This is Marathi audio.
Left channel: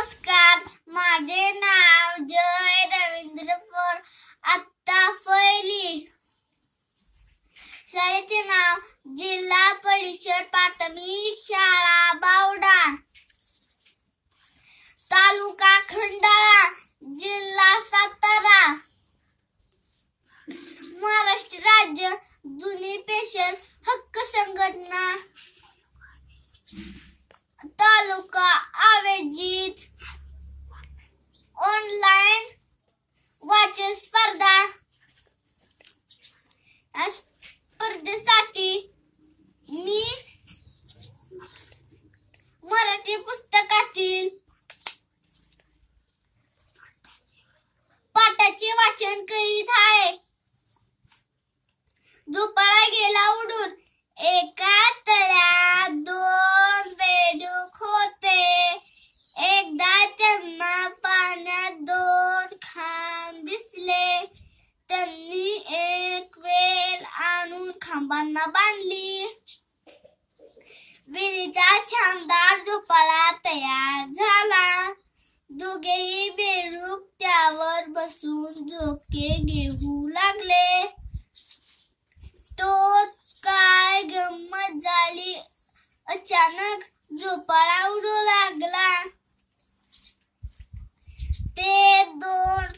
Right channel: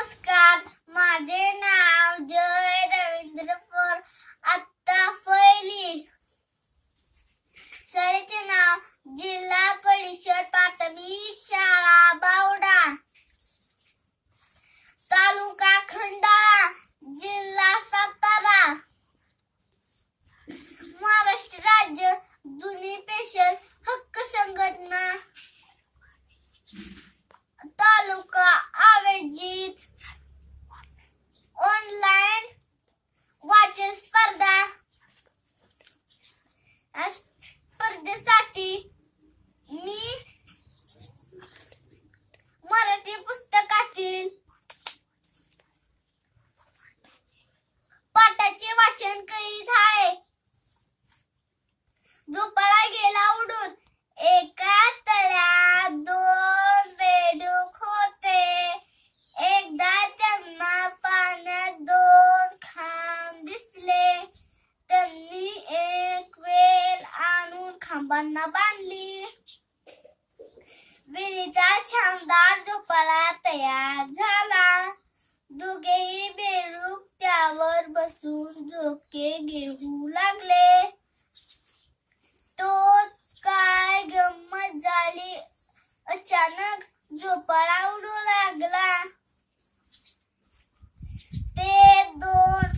नमस्कार, माझे नाव जय रवींद्र पवार. आता पहिली शाळेचे नाव जिल्हा परिषद प्राथमिक शाळा बावडा, तालुका खंडाळा, जिल्हा सातारा. महाराष्ट्र राज्य जुनी पेशल हक्क संघटना, तालुका आयोजित ऑनलाइन वाचन स्पर्धा. स्पर्धेसाठी मी मराठी पुस्तकातील पाठाचे वाचन करीत आहे. झोपाळा गेला उडून, एका तळ्यात दोन बेडूक होते. एकदा त्यांना पाण्यात दोन खांब दिसले. त्यांनी एक वेल आणून खांबांना बांधली. वेलीचा छानदार झोपाळा तयार झाला. दोघेही बेडूक त्यावर बसून झोके घेऊ लागले. तोच काय गंमत झाली. अचानक झोपाळा उडू लागला. ते दोन